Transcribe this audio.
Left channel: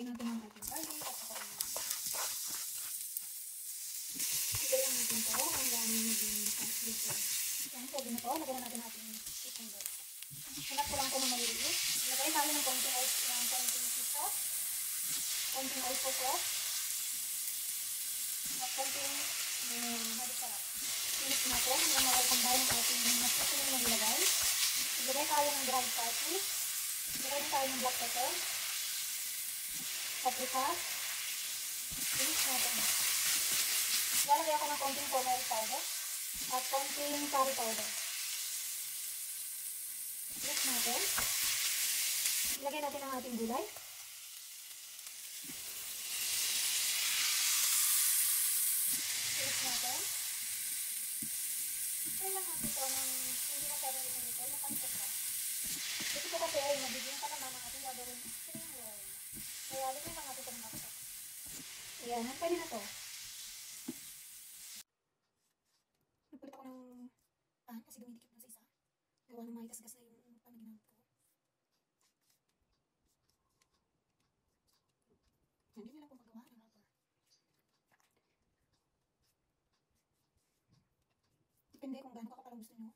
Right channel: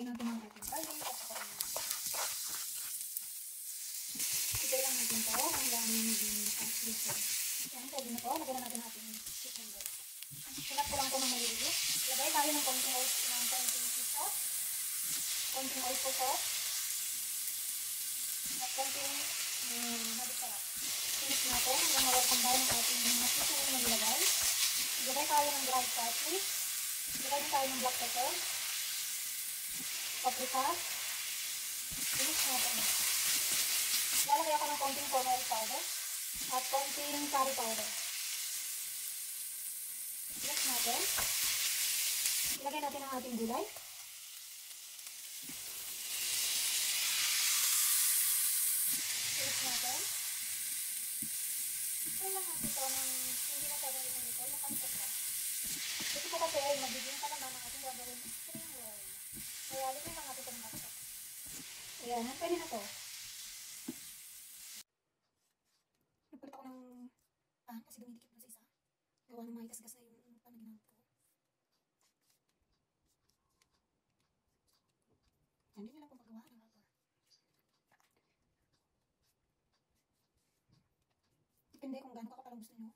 Hintayin natin ang ating kain. Hintayin lang natin ito hanggang maging dito. Yan, pwede na ito. Lagyan na natin ating cucumber. Sinap ko lang ito ng maliliit. Lagay tayo ng konting oil, sauce. Konting oil po sauce. At konting harap. Finish natin. Yung mga kambal ng ating chicken na nilagay. Lagay tayo ng ground garlic. Lagay tayo ng black pepper. Paprika. Finish natin. Lalagay ako ng konting turmeric powder. At konting curry powder. Finish natin. Ilagay natin ang ating gulay. Finish natin. Kaya lang natin ito ng hindi na pwede rin ito. Nakansok na. Ito po kasi ay nabigyan sa naman ang ating gagawin spring roll. Kaya ligyan lang natin ito ng kapsok. Ayan, pwede na ito. Nagpalit ako ng kasi dumidikit na sa isa. Gawa ng may gasgas na yung panaginamit ko. Hindi nyo lang kung magawa. Ano ba? Depende kung gaano kakapala gusto nyo.